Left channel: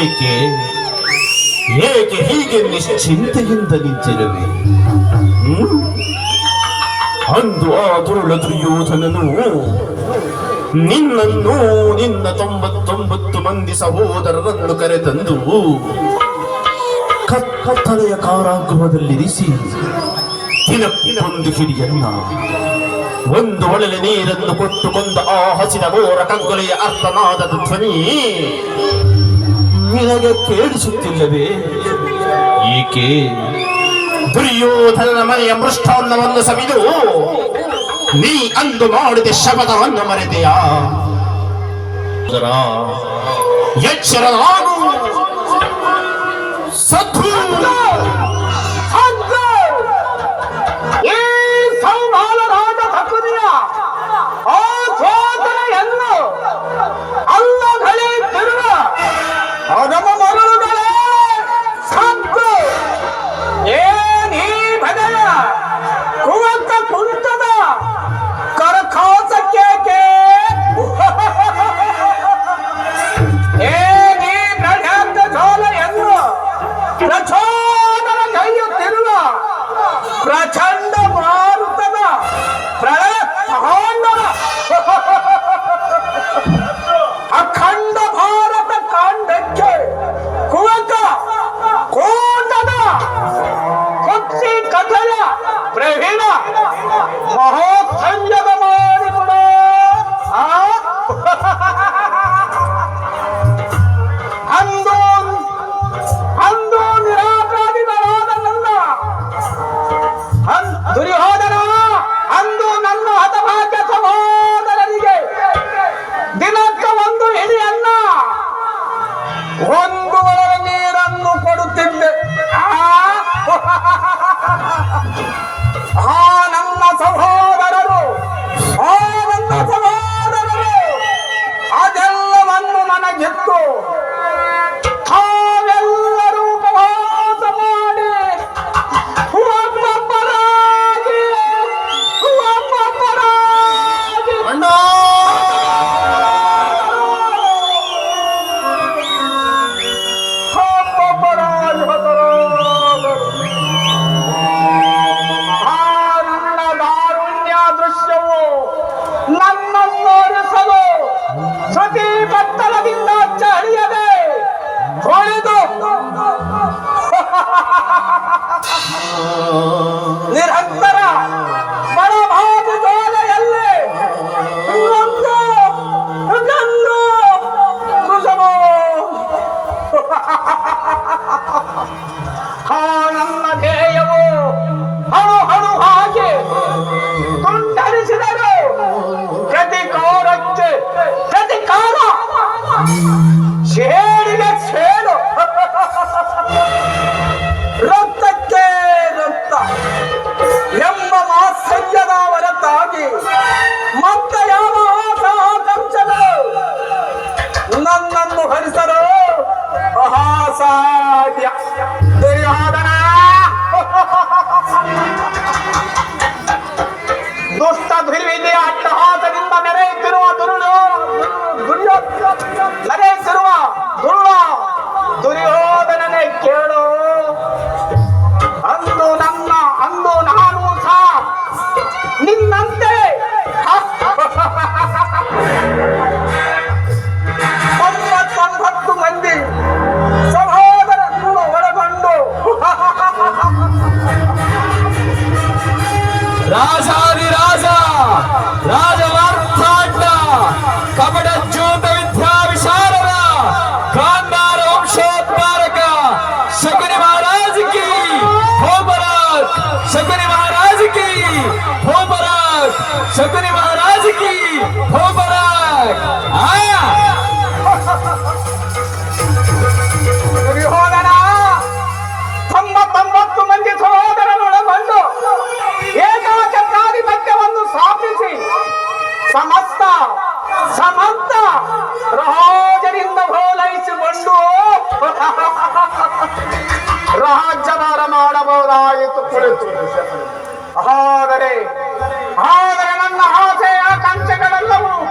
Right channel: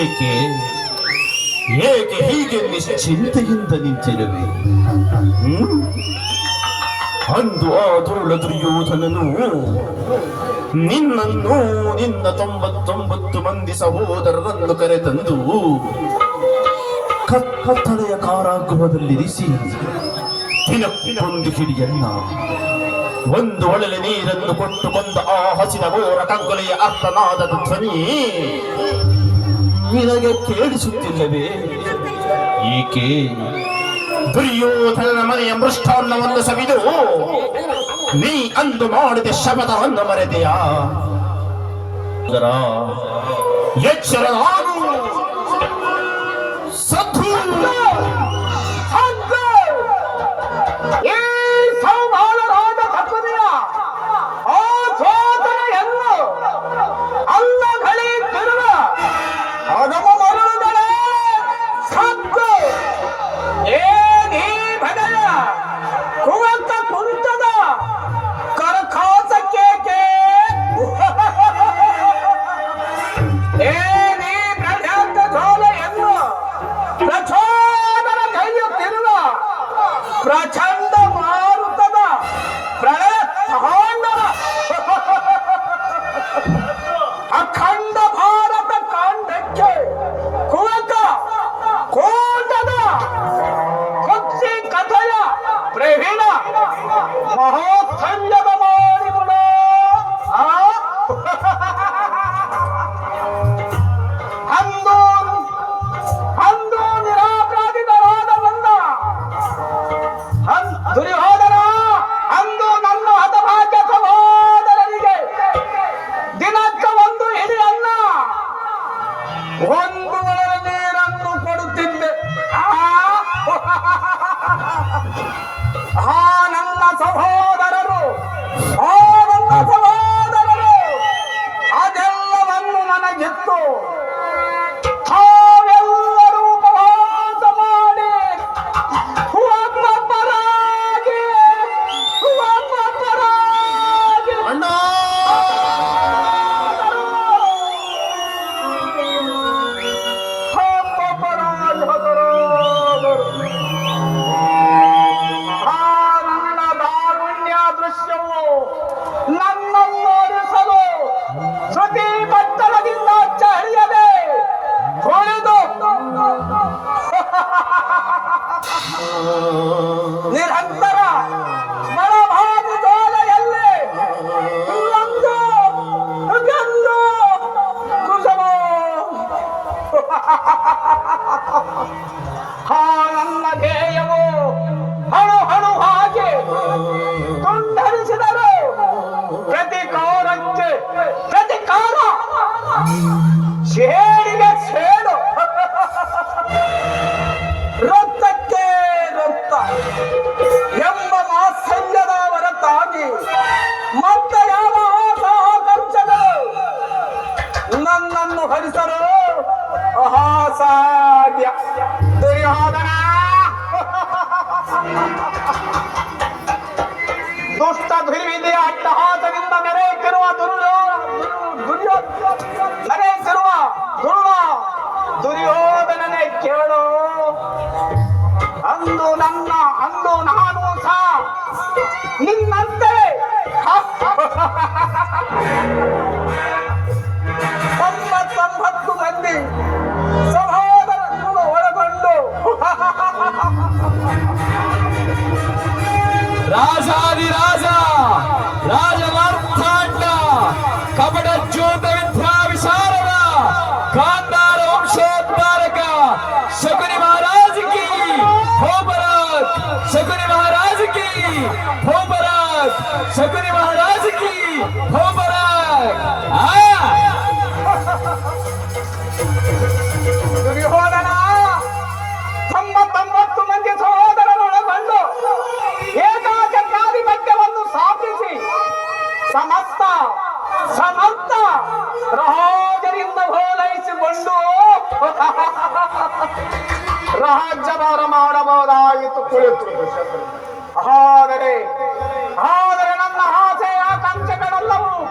ಏಕೆ ಏಕೆ ಹೀಗೆ ನಿಶ್ಚಿಂತೆಯಿಂದ ನಿಂತಿರುವೆ? ಅಂದು ಆ ದುರುಳ ದುರ್ಯೋಧನನು ನಿನ್ನನ್ನು ನಿನ್ನ 99 ಮಂದಿ ಸಹೋದರರನ್ನು ಕರೆತಂದು ಕತ್ತಲೆಯ ಕಾರಾಗೃಹದಲ್ಲಿರಿಸಿ ದಿನಕ್ಕೊಂದು ಹಿಡಿಯನ್ನ ಒಂದು ಒಳಲೆ ನೀರನ್ನು ಕೊಟ್ಟು ಕೊಂದ ಆ ಹಸಿದ ಘೋರ ಕಗ್ಗೊಲೆಯ ಅರ್ಥನಾದ ಧ್ವನಿ ನಿನಗೆ ಕೇಳಿಸುತ್ತಿಲ್ಲವೇ? ಏಕೆ ದುರ್ಯೋಧನನ ಮನೆಯ ಮೃಷ್ಟಾನ್ನವನ್ನು ಸವಿದು ನೀ ಅಂದು ಮಾಡಿದ ಶಪಥವನ್ನು ಮರೆತೆಯಾ? ಎಚ್ಚರ ನಾನು ಸತ್ತು ಪ್ರಚಂಡ ಮಾರುತದ ಪ್ರಳಯ ಅಖಂಡ ಭಾರತ ಕಾಂಡಕ್ಕೆ ಕುವಕ ಕೋಟದ ಪಕ್ಷಿ ಕಥೆಯ ಪ್ರವೀಣ ಮಹೋತ್ಸಂಜದ ಮಾಡಿಬಿಡ ಅಂದು ನಿರಾಪರಾಧಿಗಳಾದ ನನ್ನ ದುರ್ಯೋಧನ ಅಂದು ನನ್ನ ಹತಭಾಗ್ಯ ಸಹೋದರರಿಗೆ ದಿನಕ್ಕ ಒಂದು ಹಿಡಿಯನ್ನ ಒಂದು ಒಳ ನೀರನ್ನು ಕೊಡುತ್ತಿದ್ದೆ. ನನ್ನ ಸಹೋದರರು ಅದೆಲ್ಲವನ್ನು ನನಗಿತ್ತು. ತಾವೆಲ್ಲರೂ ಉಪವಾಸ ಮಾಡಿ ನನ್ನ ದಾರುಣ್ಯ ದೃಶ್ಯವು ನನ್ನನ್ನೋರಿಸಲು ಶ್ರುತಿ ಬತ್ತಲದಿಂದ ಚಳಿಯದೆ ಹೊಳೆದು ನಿರಂತರ ಬಡಬಾಬು ಜೋಲೆಯಲ್ಲಿ ಗಂಡು ಕುಸುಮೋ ನನ್ನ ಧ್ಯೇಯವು ಹಣು ಹಣು ಹಾಗೆ ತುಂಡರಿಸಿದರು. ಪ್ರತಿಕಾರಕ್ಕೆ ಪ್ರತಿಕಾರ, ಸೇಡಿಗೆ ಸೇಡು, ರಕ್ತಕ್ಕೆ ರಕ್ತ ಎಂಬ ಮಾತ್ಸಲ್ಯದ ಹೊರತಾಗಿ ಮತ್ತೆ ಯಾವ ಆಕಾಂಕ್ಷಗಳು ನನ್ನನ್ನು ಹರಿಸಲು ಅಸಾಧ್ಯ. ದುರ್ಯೋಧನ ದುಷ್ಟ ದುರ್ವಿಧಿಯ ಅಟ್ಟಹಾಸದಿಂದ ಮೆರೆಯುತ್ತಿರುವ ದುರ್ಯೋಧನನೇ ಕೇಳು. ಅಂದು ನಾನು ಸಹ ನಿನ್ನಂತೆ 99 ಮಂದಿ ಸಹೋದರನ್ನು ಒಳಗೊಂಡು ರಾಜಾದಿರಾಜ ರಾಜವಾರ್ತಾಂಡ ಕಪಟ ಜ್ಯೋತ ವಿದ್ಯಾ ವಿಶಾರದ ಗಾಂಧಾರ ವಂಶೋದ್ಧಾರಕ ಶಕುನಿ ಮಹಾರಾಜ್ ಕಿ ಭೋಪರಾಜ್, ಶಕುನಿ ಮಹಾರಾಜ್ ಕಿ ಭೋಪರಾಜ್, ಶಕುನಿ ಮಹಾರಾಜ್ ಕಿ ಭೋಪರಾಜ್. ದುರ್ಯೋಧನ 99 ಮಂದಿ ಸಹೋದರನೊಳಗೊಂಡು ಏಕಾಧಿಪತ್ಯವನ್ನು ಸ್ಥಾಪಿಸಿ ಸಮಸ್ತ ರಾಜರಿಂದ ಹೋಲೈಸಿಕೊಂಡು ರಾಜ್ಯಭಾರ ಮಾಡಬಹುದಾಯಿತು ಕುಳಿತು. ಆದರೆ ನನ್ನ ಆಸೆ